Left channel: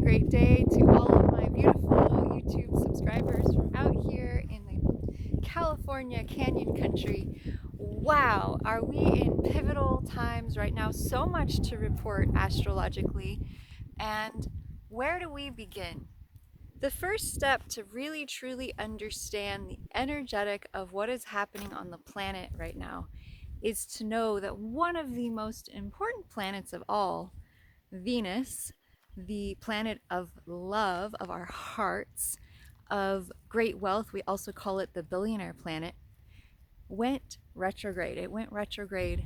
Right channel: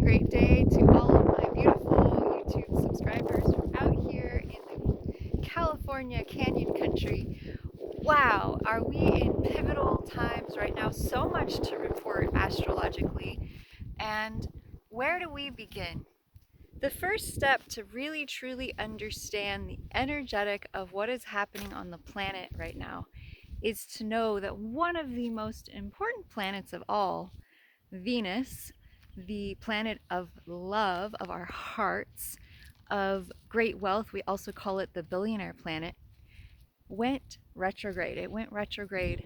great day to all of my beautiful YouTube subscribers from out here in the California Canyon Country. Wow, are we in pivotal times right now? So much to report astrologically. And where do we begin? The first step to really truly understand the energetic of what is happening on the planet right now is to know that one of the most important planets of all, Venus, the planet of love, of our hearts, of great wealth, we also call it the billionaire planet, went retrograde. It went retrograde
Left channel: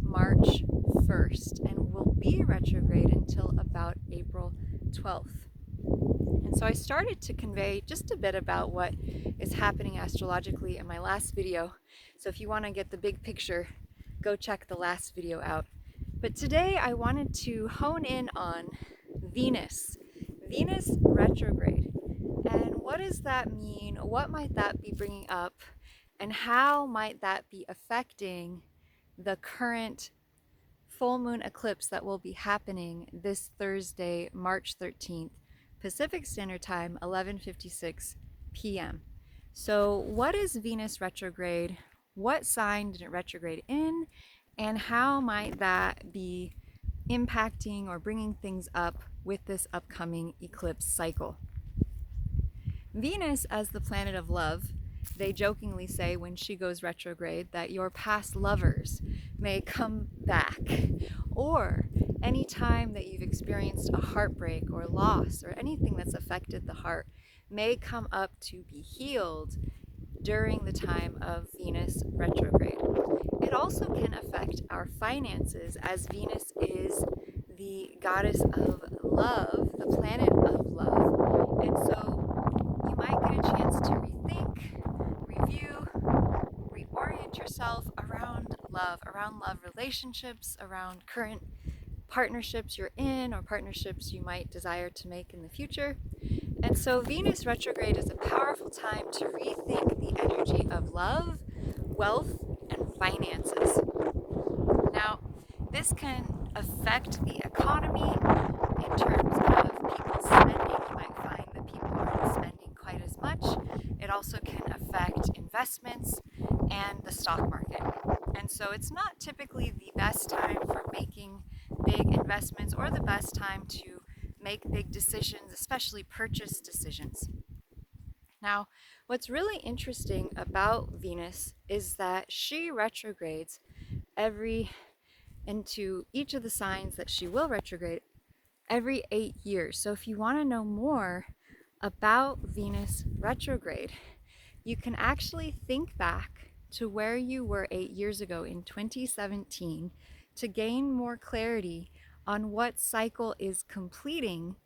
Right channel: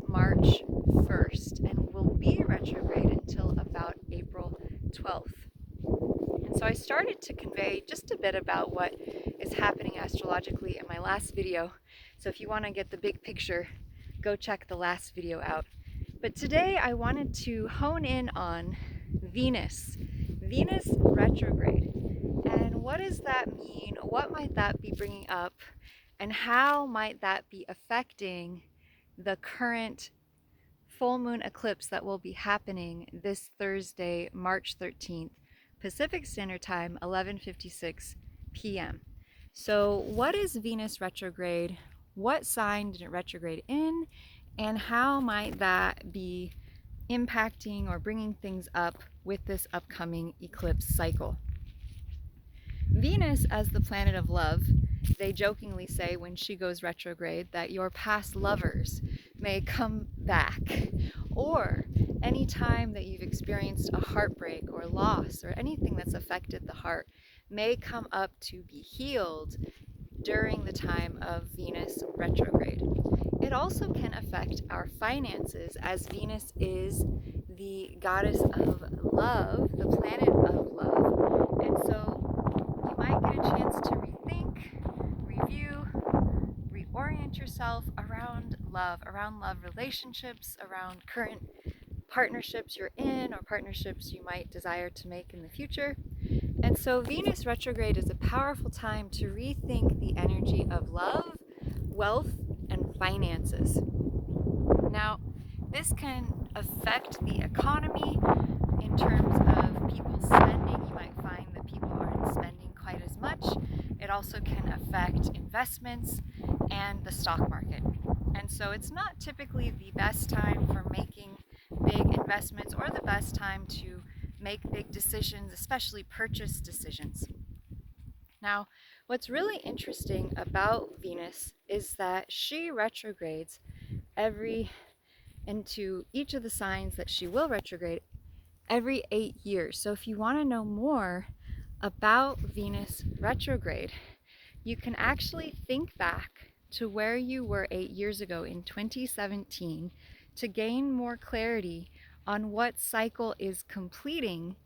March 1st and will be retrograde until about April 12th. And so I started to convey just a bit about what is happening astrologically in my last video. So if you want to get the big picture, go check the last video out. But today I wanted to hone in on Venus retrograde. And what does that mean? What might that be bringing up? And how might that be affecting the current full moon eclipse that will be happening this Thursday, March 13th, Pacific Standard Time, 11:56 p.m. So what is Venus retrograde? What sign did it retrograde in? And how might that be impacting or bringing things up with this upcoming eclipse cycle? Venus, as the planet of love, they jokingly say when she goes retrograde that your past lovers may come back, or any time that you've experienced a heartbreak or loss or anything that's affected the heart may come up to be healed during the time of Venus retrograde. It also can affect our finances, as Venus is the goddess of love, the planet of love. And so you might get a chance to rethink, review, reorient yourself around love relationships, around current partnerships you're in or partnerships you might desire to make in the future. And so Venus retrograde is a powerful time to rethink the energy of love, wealth, and finances. Now, this can affect the economy in terms of people spending. You might find that people aren't spending quite as much. It also can affect investments and the stock market. And so it's not typically the best time for making big investments or the best time to make big decisions, especially purchase decisions. Now, what's really interesting about Venus is that she retrogrades into each of the signs that she will retrograde every 8 years. So if you want to know more about Venus retrograde, you can actually think back to where you were 8 years ago in 2017 to gain more clarity on what cycle is completing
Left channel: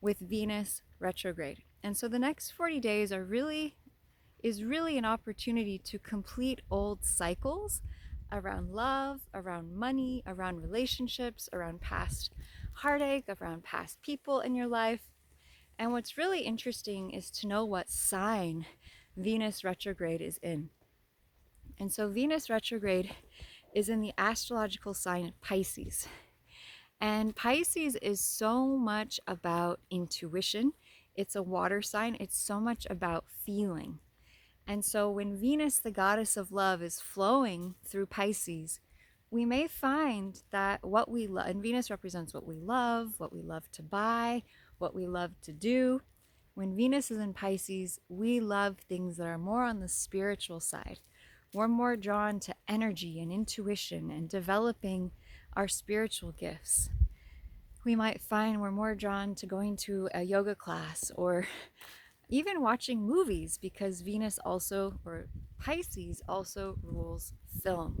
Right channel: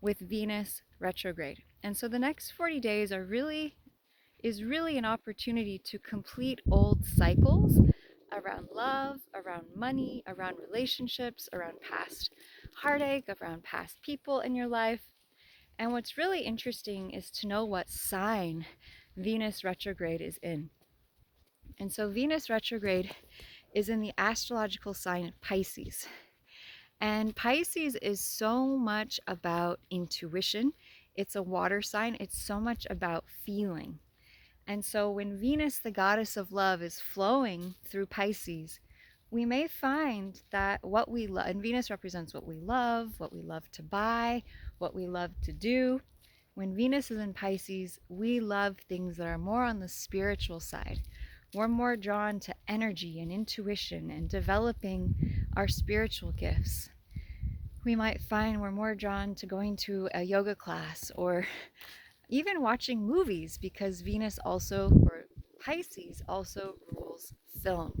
with Venus retrograde. And so the next 40 days is really an opportunity to complete old cycles around love, around money, around relationships, around past heartache, around past people in your life. And what's really interesting is to know what sign Venus retrograde is in. And so Venus retrograde is in the astrological sign Pisces. And Pisces is so much about intuition. It's a water sign. It's so much about feeling. And so when Venus, the goddess of love, is flowing through Pisces, we may find that what we love, and Venus represents what we love to buy, what we love to do. When Venus is in Pisces, we love things that are more on the spiritual side. We're more drawn to energy and intuition and developing our spiritual gifts. We might find we're more drawn to going to a yoga class or even watching movies, because Venus also, or Pisces also, rules film.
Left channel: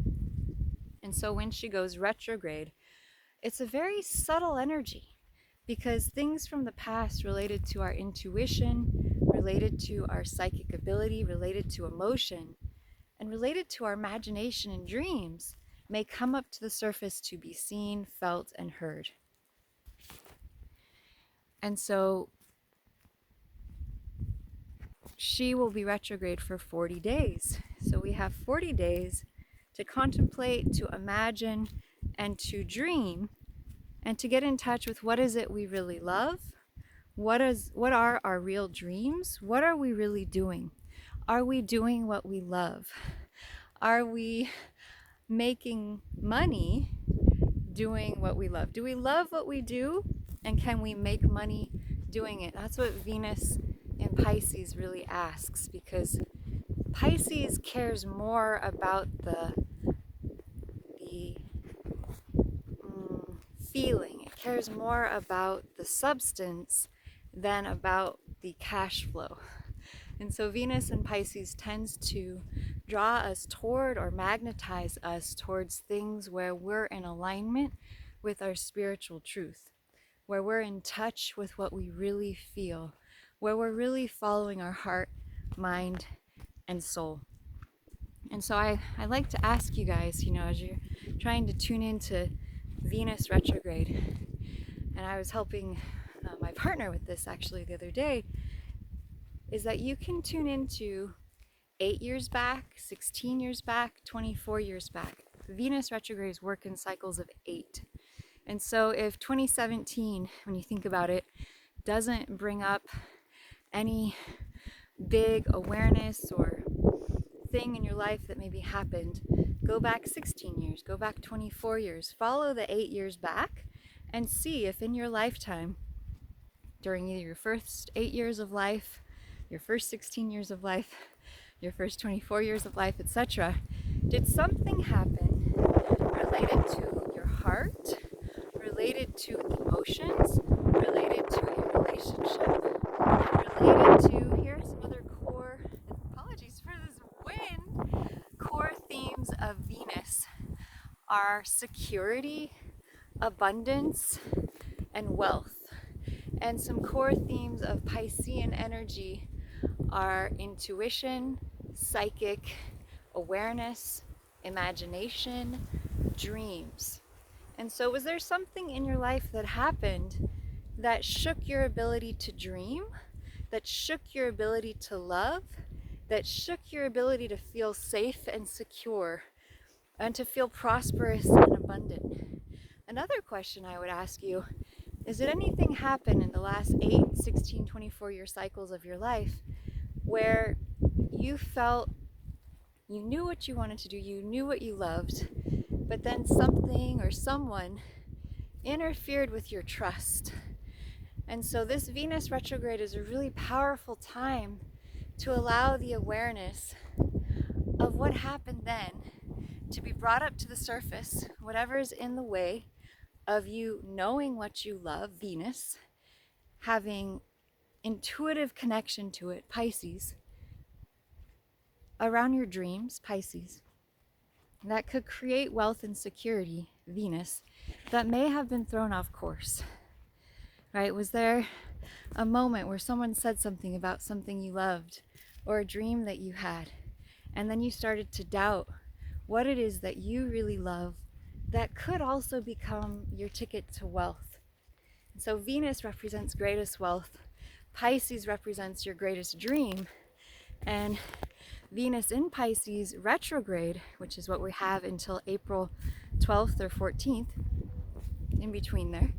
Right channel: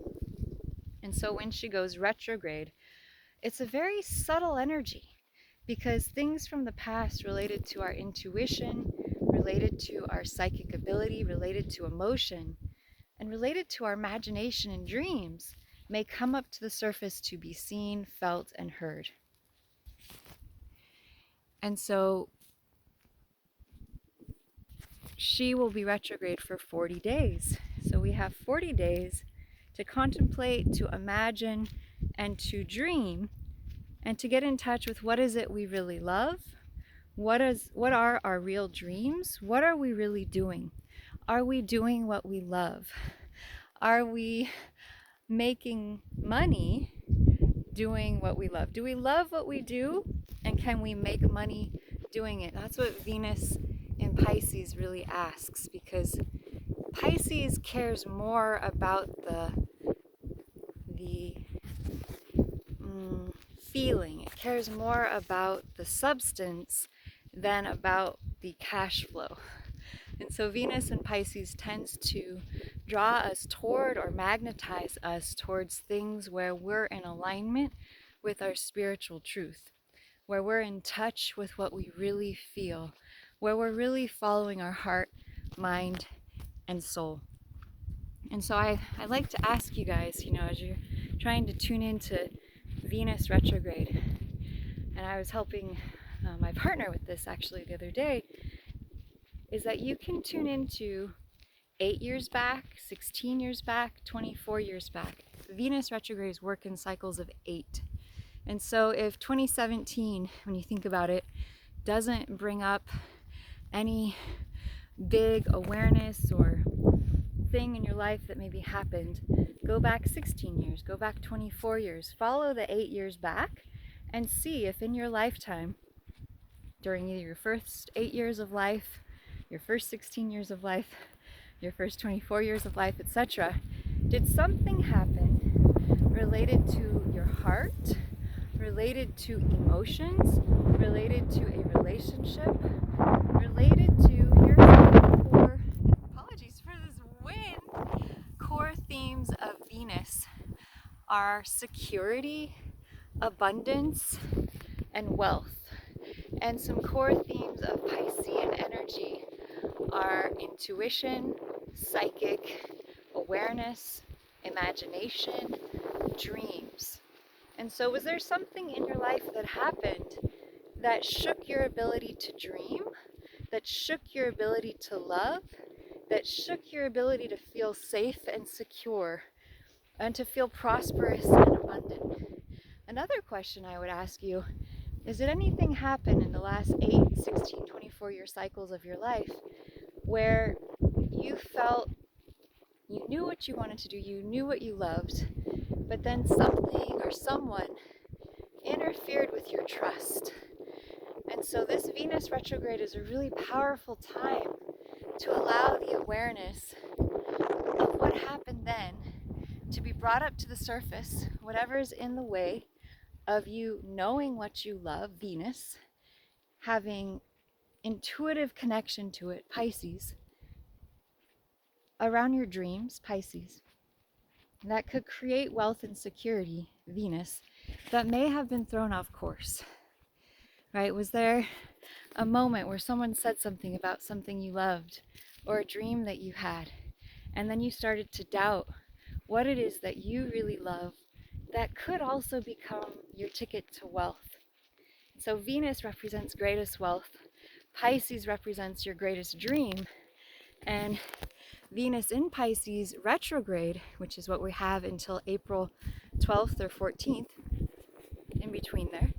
And so when she goes retrograde, it's a very subtle energy, because things from the past related to our intuition, related to our psychic ability, related to emotion, and related to our imagination and dreams may come up to the surface to be seen, felt, and heard. And so she will be retrograde for 40 days. So we have 40 days to contemplate, to imagine, and to dream, and to get in touch with what is it we really love, What are our real dreams? What are we really doing? Are we doing what we love? Are we making money doing what we love? Do we love what we do? And can we make money doing it? That's what Venus in Pisces really asks, because Pisces cares more about the feeling. It cares more about the substance than about the cash flow. And so Venus in Pisces tends to draw us toward or magnetize us towards things where we're in alignment with our spiritual truth, where we're in touch with what we really feel, where we're really following our heart, mind, and soul. And so I like to ask you guys, as you're trying to tune into Venus retrograde, and I was helping my partner with this actually the other day, is that you can tune into 8 years back, 16 years back, 24 years back. Venus retrogrades work in cycles of 8. And so if 2017, when you think about it, doesn't bring up any big awareness or thing in your life that maybe happened, go back 16 years, go back 24 years, follow the 8 years back and see if in your lifetime, during either your first 8 years of life, your first 16 years of life, your first 24 years of life, etc., did something happen related to your heart, related to emotions, related to a relationship, related to, here's the core, apologies for this wind, core themes of Venus are security, abundance, and wealth. And some core themes of Piscean energy are intuition, psychic, awareness, imagination, dreams. And so was there something in your life that happened that shook your ability to dream, that shook your ability to love, that shook your ability to feel safe and secure, and to feel prosperous and abundant? Another question I would ask you is, did anything happen in the last 8, 16, 24-year cycles of your life where you felt you knew what you wanted to do, you knew what you loved, but then something or someone interfered with your trust? And so this Venus retrograde is a really powerful time to allow the awareness of what happened then to be brought up to the surface, whatever's in the way of you knowing what you love, Venus, having intuitive connection to it, Pisces, around your dreams, Pisces, that could create wealth and security, Venus, that may have been thrown off course, right? Was there a moment where someone said something about something you loved or a dream that you had, and then you started to doubt what it is that you really love that could also become your ticket to wealth? So Venus represents greatest wealth, Pisces represents your greatest dream, and Venus in Pisces retrograde, which is what we have until April 12th or 14th, in between there,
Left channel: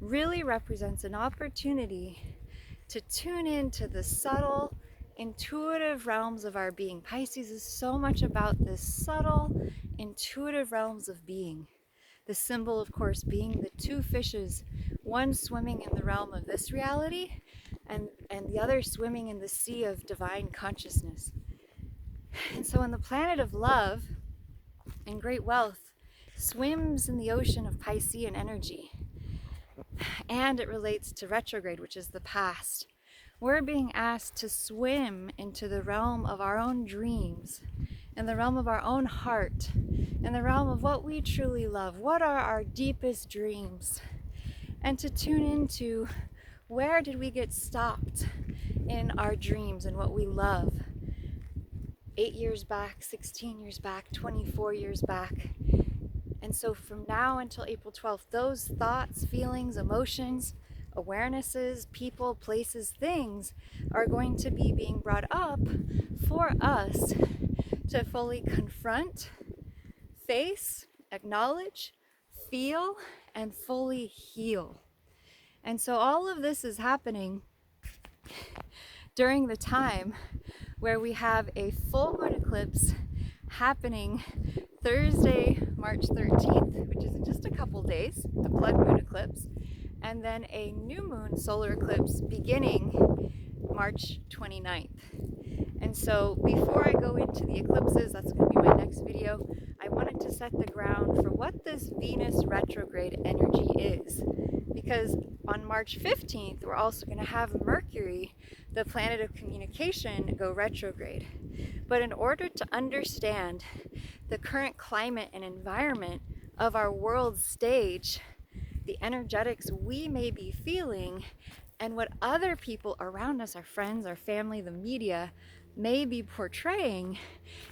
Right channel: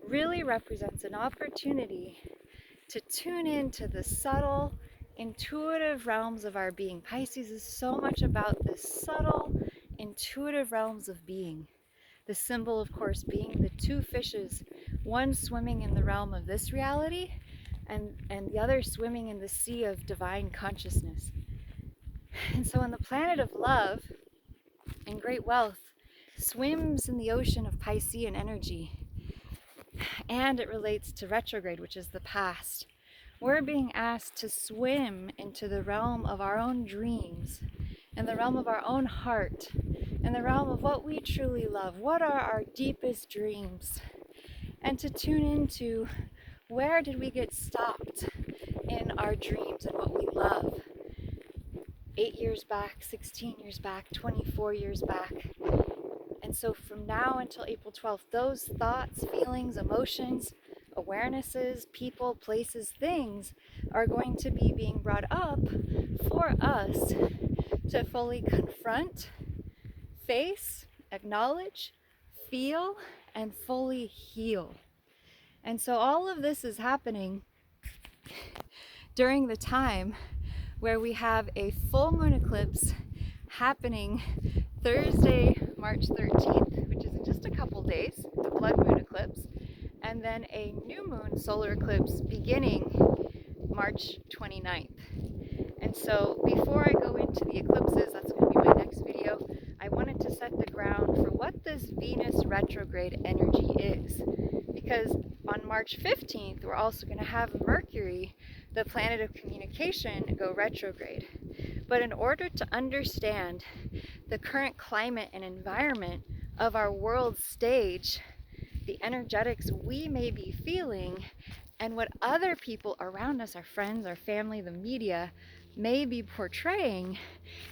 really represents an opportunity to tune into the subtle, intuitive realms of our being. Pisces is so much about the subtle, intuitive realms of being. The symbol, of course, being the two fishes, one swimming in the realm of this reality and the other swimming in the sea of divine consciousness. And so when the planet of love and great wealth swims in the ocean of Piscean energy, and it relates to retrograde, which is the past, we're being asked to swim into the realm of our own dreams, in the realm of our own heart, in the realm of what we truly love. What are our deepest dreams? And to tune into, where did we get stopped in our dreams and what we love? 8 years back, 16 years back, 24 years back. And so from now until April 12th, those thoughts, feelings, emotions, awarenesses, people, places, things are going to be being brought up for us to fully confront, face, acknowledge, feel, and fully heal. And so all of this is happening during the time where we have a full moon eclipse happening Thursday, March 13th, which is in just a couple days, the blood moon eclipse, and then a new moon solar eclipse beginning March 29th. And so before I go into the eclipses, that's going to be my next video, I wanted to set the ground for what this Venus retrograde energy is. Because on March 15th, we're also going to have Mercury, the planet of communication, go retrograde. But in order to understand the current climate and environment of our world stage, the energetics we may be feeling, and what other people around us, our friends, our family, the media, may be portraying,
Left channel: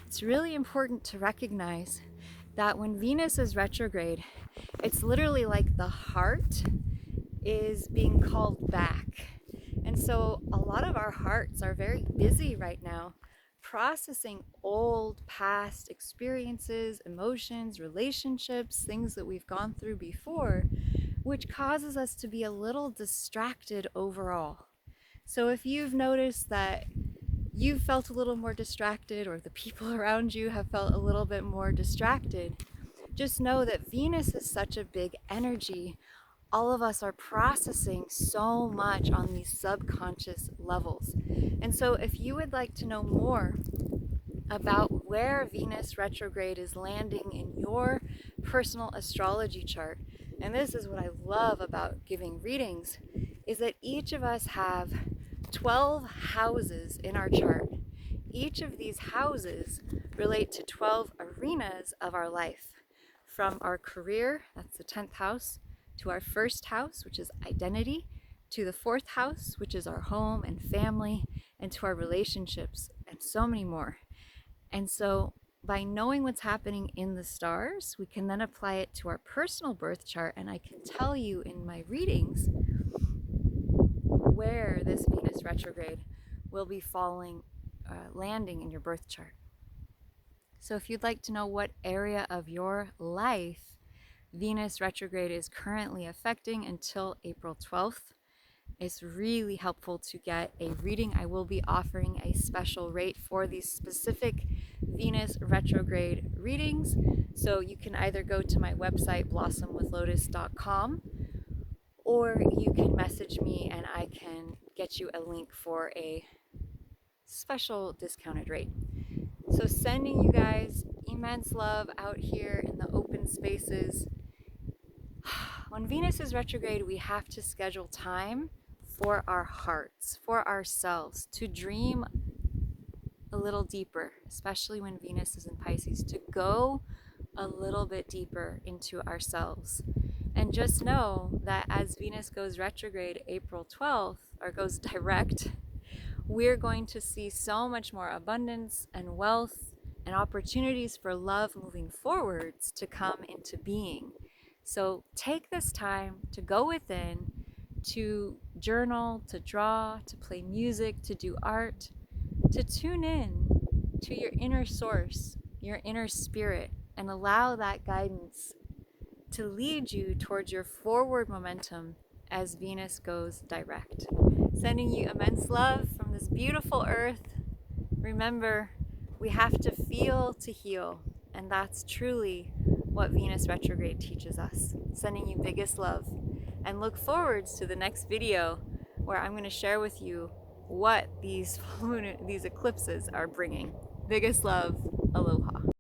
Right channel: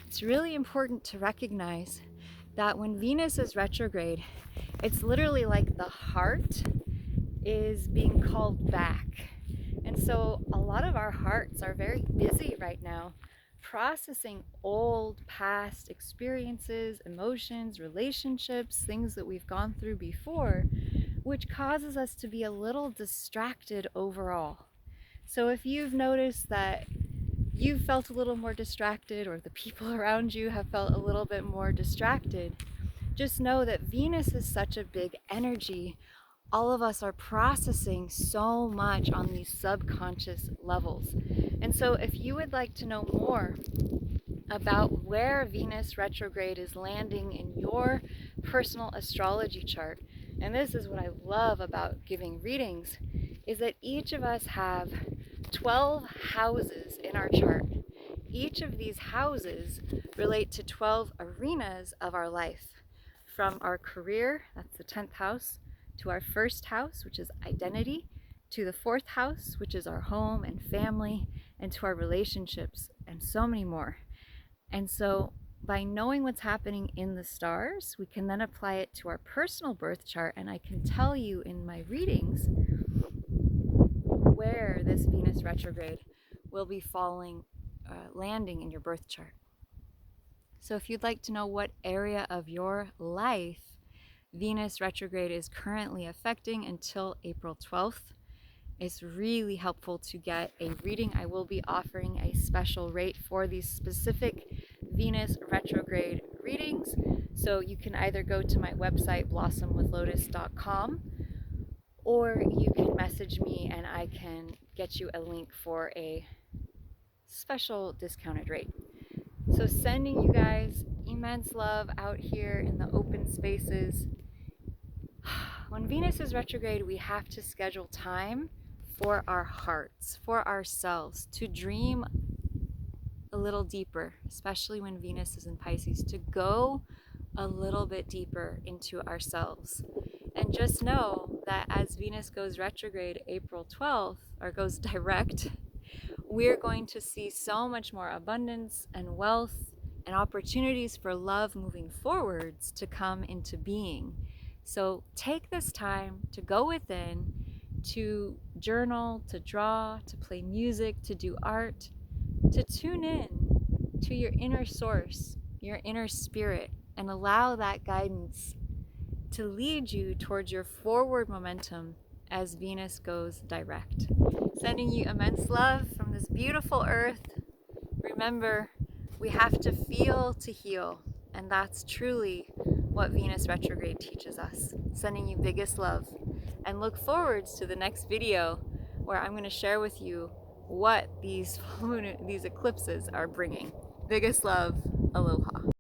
it's really important to recognize that when Venus is retrograde, it's literally like the heart is being called back. And so a lot of our hearts are very busy right now processing old past experiences, emotions, relationships, things that we've gone through before, which causes us to be a little distracted overall. So if you've noticed that you've felt a little more distracted, or the people around you have felt a little bit more distracted, just know that Venus is such a big energy. All of us are processing so much on these subconscious levels. And so if you would like to know more about where Venus retrograde is landing in your personal astrology chart, and this is what I love about giving readings, is that each of us have 12 houses in our chart. Each of these houses relate to 12 arenas of our life. From our career, that's the 10th house, to our first house, which is identity, to the 4th house, which is our home and family, and to our relationships, and so many more. And so by knowing what's happening in the stars, we can then apply it to our personal birth chart, and I can tell you in my readings where this Venus retrograde will be landing in your birth chart. So if you'd like to know what area of your life Venus retrograde is currently affecting until April 12th, it's really helpful to get a reading. I will be offering a special rate for these specific Venus retrograde readings. So you can either go to my website, blossomwithlotus.com, or you can message me and I can get you a link for a special discounted rate. So sending you guys immense love out here in the open spaces. When Venus is retrograde, we have to schedule time for our hearts, for ourselves, to dream a little deeper, especially when Venus is in Pisces, to go a little bit deeper into ourselves. And just know that as Venus goes retrograde April 12th, or goes direct, we're going to see so much more abundance and wealth and opportunities for love moving forwards to come into being. So take this time to go within, to journal, to draw, to play music, to do art, to tune in to your inner source, your inner spirit, and allow that guidance to lead you towards your forward momentum as Venus goes direct. Sending you immense love from this beautiful earth. Remember, we have to feel to heal, and that's truly what Venus retrograde teaches us. Sending you biggest love, and look forwards to the next video where I'm going to share with you what these eclipses are bringing. Biggest love, aloha.